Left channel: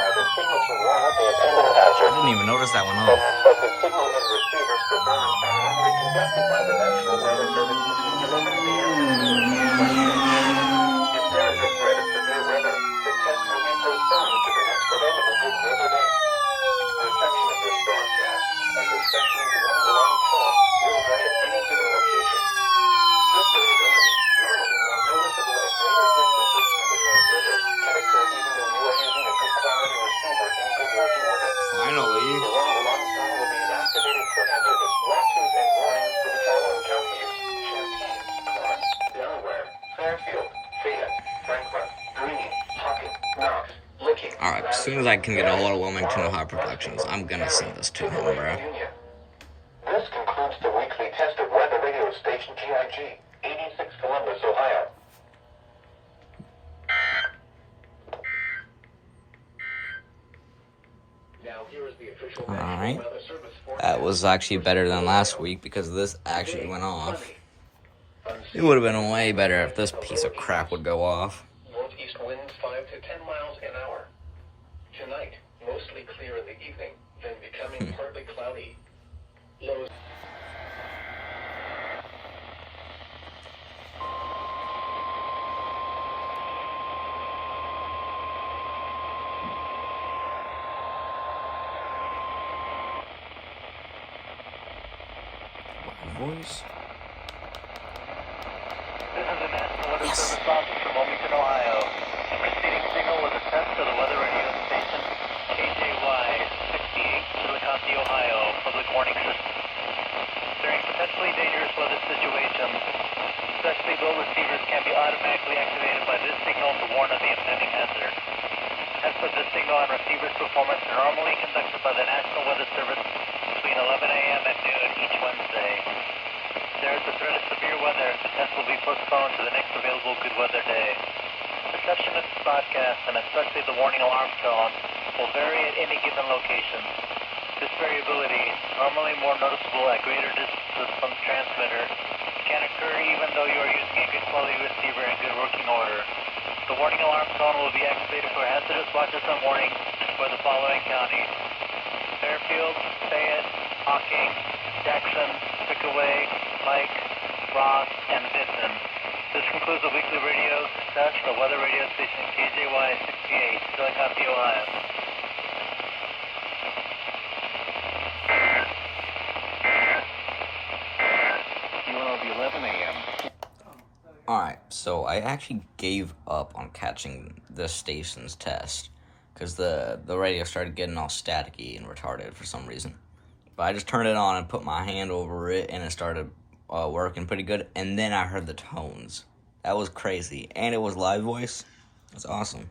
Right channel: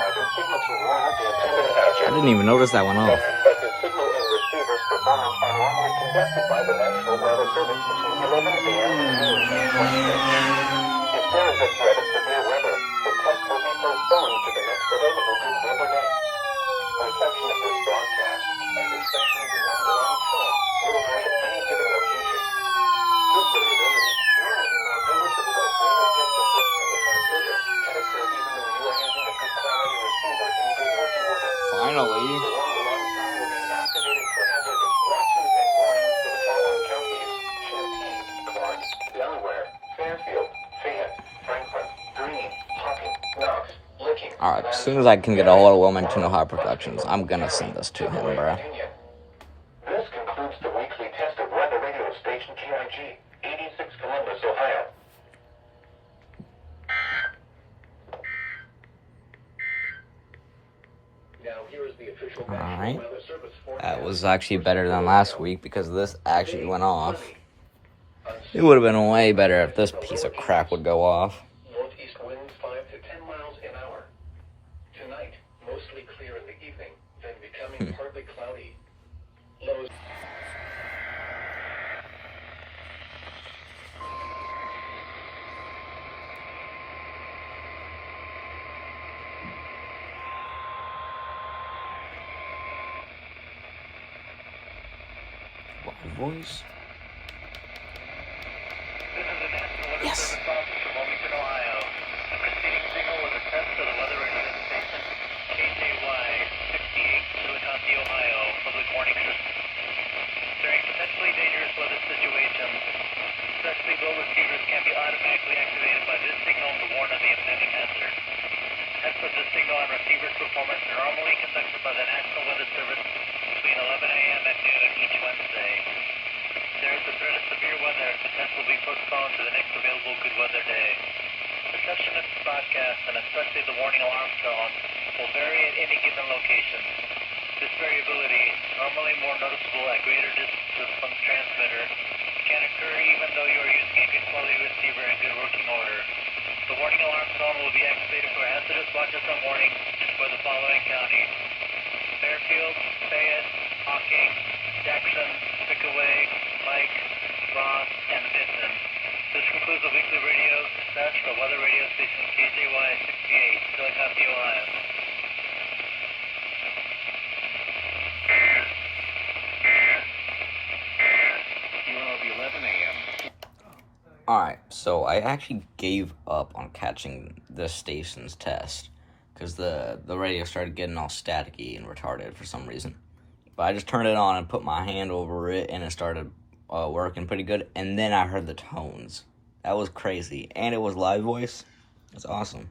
I didn't even notice that went off. Finally. Alright, as soon as I can get a hold of Wilmington, Ohio Productions, I'm gonna send this to him, bro. This concludes the weekly test of weather radio station TIG, 86 Columbus, Ohio. Alright. That was actually better than last week because this actually went off. It would have been way better if this piece of crap would go off. Northeast winds 5 to 10 miles an hour. Tonight, mostly clear in the evening, then becoming partly cloudy. Lows. Voice. This is a national weather Yes. service office from Wilmington, Ohio. The preceding signal was a test for the weather radio station KJY 68, Chillicothe, Ohio, public warning system. During potentially dangerous weather situations, especially low receivers can be automatically activated by this signal to warn of the impending hazard. Tests for this signal and receiver's performance are normally conducted by the National Weather Service between 11 a.m. and noon each Wednesday. There is a threat of severe weather. The test will be postponed to the next available good weather day. Reception of this broadcast, and especially the warning alarm tone, will vary at any given location. This variability, normally more noticeable at greater distances from the transmitter, can occur even though you are using a good quality receiver in good working order. The warning alarm tone will be activated for hazardous watches and warnings for the following counties: Fairfield, Fayette, Hocking, Jackson, Pickaway, Pike, Ross, and Vinton. This concludes the weekly radio test for weather radio station KJY 68, Chillicothe, Ohio. UNLV 11 a.m. Alright, so I actually gave up on catching this station's test because the radio started getting all staticky and retarded for some reason. But I just turned it on and put my hand over it, and it started working pretty good. And then I heard the tones. That was crazy. And it was live voice. That's awesome.